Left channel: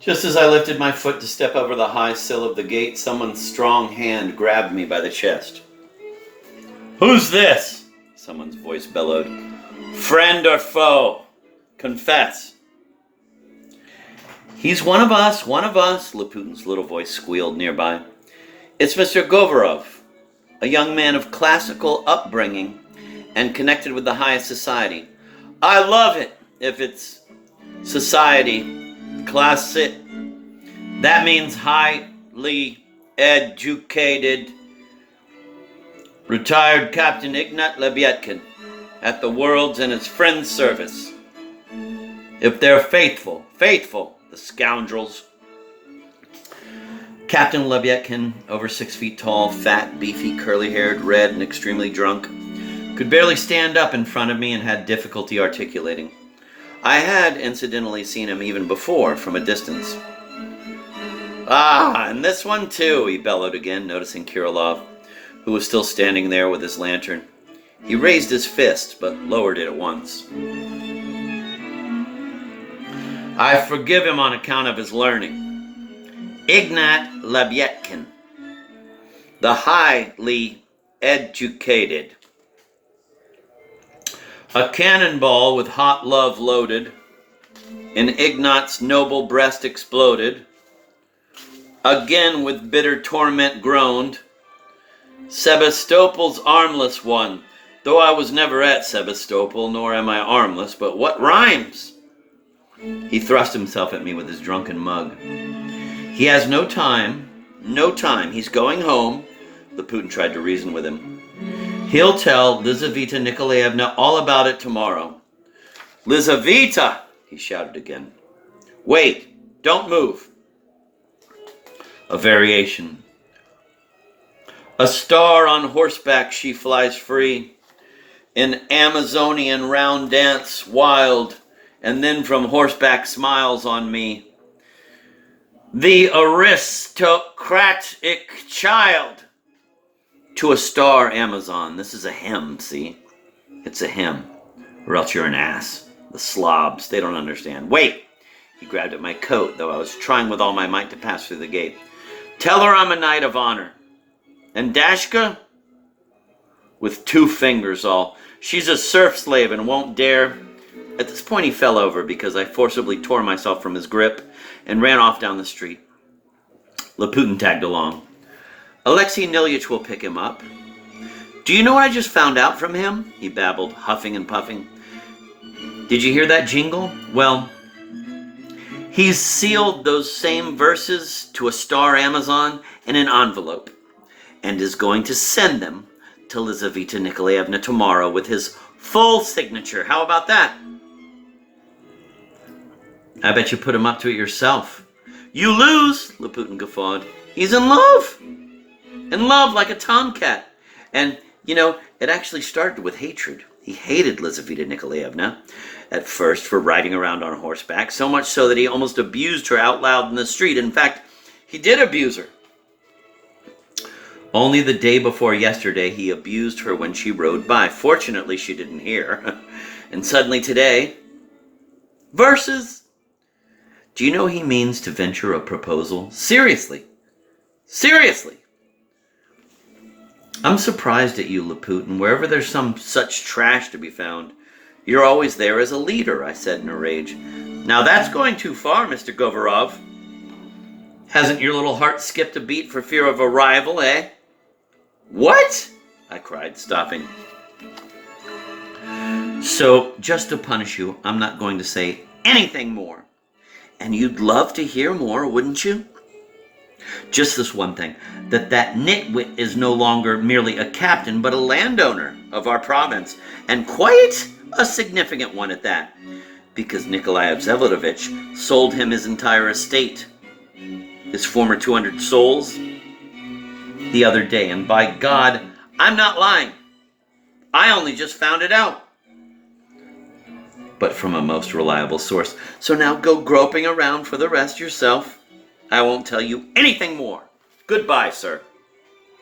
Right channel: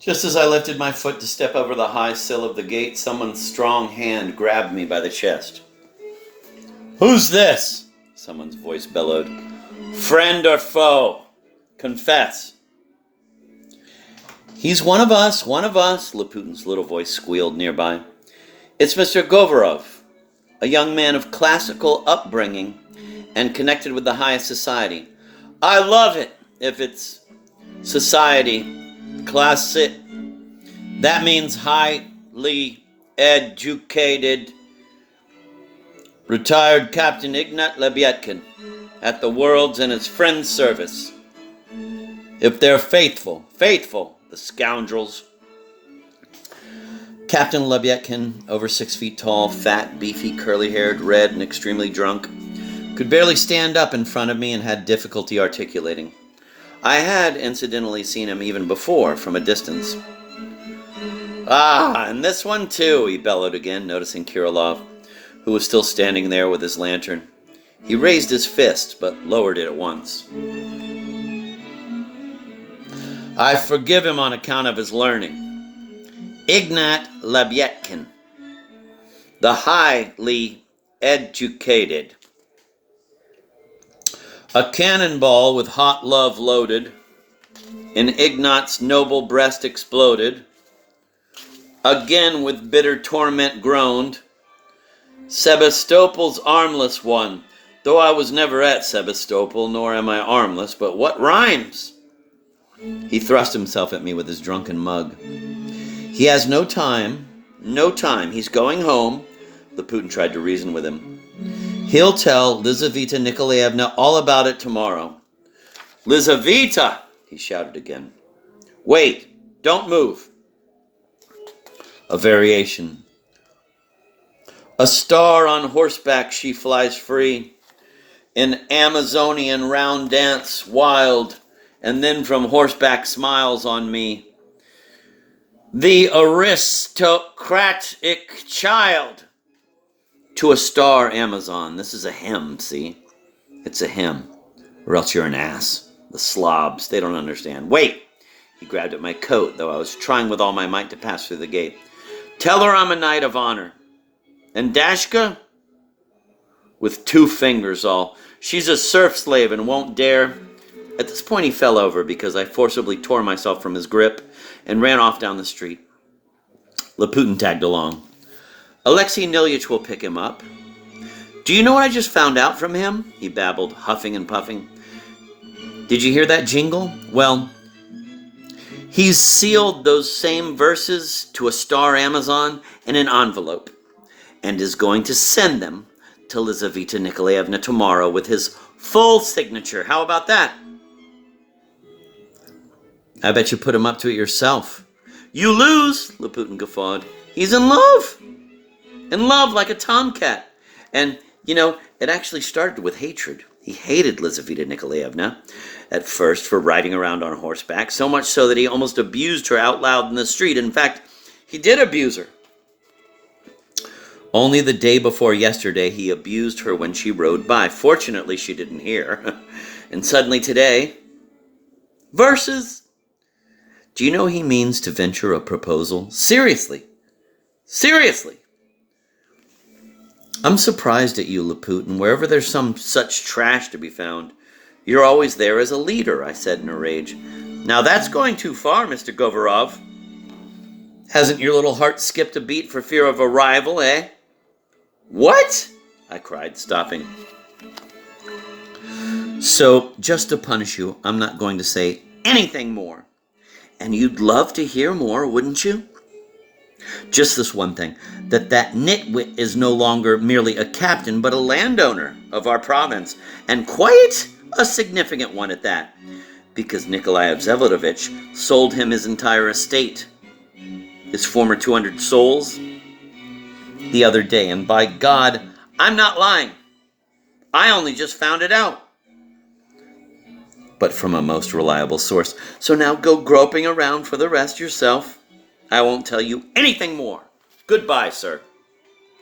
Just as I lifted my foot to step over the high sill of the gate, someone's strong hand grabbed me by the chest. "Who's this?" someone's voice bellowed. "Friend or foe? Confess." "He's one of us, Laputin's little voice squealed nearby. "It's Mr. Govorov, a young man of classical upbringing and connected with the highest society. I love it if it's society, classic. That means highly educated. Retired Captain Ignat Lebyetkin at the world's and his friend's service. If they're faithful, the scoundrels." Captain Lebyetkin, over 6 feet tall, fat, beefy, curly-haired, red, and extremely drunk, could barely stand up in front of me and had difficulty articulating. I had, incidentally, seen him even before, from a distance. "Ah, and this one too," he bellowed again, noticing Kirilov, who was still standing there with his lantern. He raised his fist, but lowered it at once. "I forgive him on account of his learning. Ignat Lebyetkin, the highly educated. A cannonball with hot love loaded, in Ignat's noble breast exploded, again with bitter torment groaned. Sebastopol's armless one, though I was never at Sebastopol, nor am I armless, but what rhymes?" He thrust himself at me with his drunken mug. "He has no time. He's going home," Laputin tried to reason with him. "He'll tell Lizaveta Nikolaevna all about it tomorrow." "Lizaveta!" he shouted again. "Wait, don't move." A variation. "A star on horseback she flies free, an Amazonian round dance wild, and then from horseback smiles on me. The aristocratic child." To a star Amazon. This is a hymn, see? It's a hymn. Or else you're an ass. The slobs, they don't understand. "Wait!" He grabbed at my coat, though I was trying with all my might to pass through the gate. "Tell her I'm a knight of honor. And Dashka?" "With 2 fingers all. She's a serf slave and won't dare..." At this point he fell over because I forcibly tore myself from his grip and ran off down the street. Laputin tagged along. "Alexei Nilyich will pick him up. Do you know what I just found out from him?" he babbled, huffing and puffing. "Did you hear that jingle? Well, he's sealed those same verses to a star Amazon in an envelope and is going to send them to Lizaveta Nikolaevna tomorrow with his full signature. How about that?" "I bet you put him up to it yourself." "You lose," Laputin guffawed. "He's in love. In love like a tomcat. And, it actually started with hatred. He hated Lizaveta Nikolaevna at first for riding around on horseback, so much so that he almost abused her out loud in the street. In fact, he did abuse her. Only the day before yesterday, he abused her when she rode by. Fortunately, she didn't hear. And suddenly today, verses. Do you know he means to venture a proposal? Seriously. I'm surprised at you, Laputin. Wherever there's some such trash to be found, you're always there as a leader, I said in a rage. Now that's going too far, Mr. Govorov. Hasn't your little heart skipped a beat for fear of a rival, eh? What? I cried, stopping. So, just to punish you, I'm not going to say anything more. And you'd love to hear more, wouldn't you? Just this one thing, that nitwit is no longer merely a captain, but a landowner of our province, and quite a significant one at that, because Nikolai Vsevolodovich sold him his entire estate, his former 200 souls, the other day, and by God, I'm not lying. I only just found it out. But from a most reliable source. So now go groping around for the rest yourself. I won't tell you anything more. Goodbye, sir.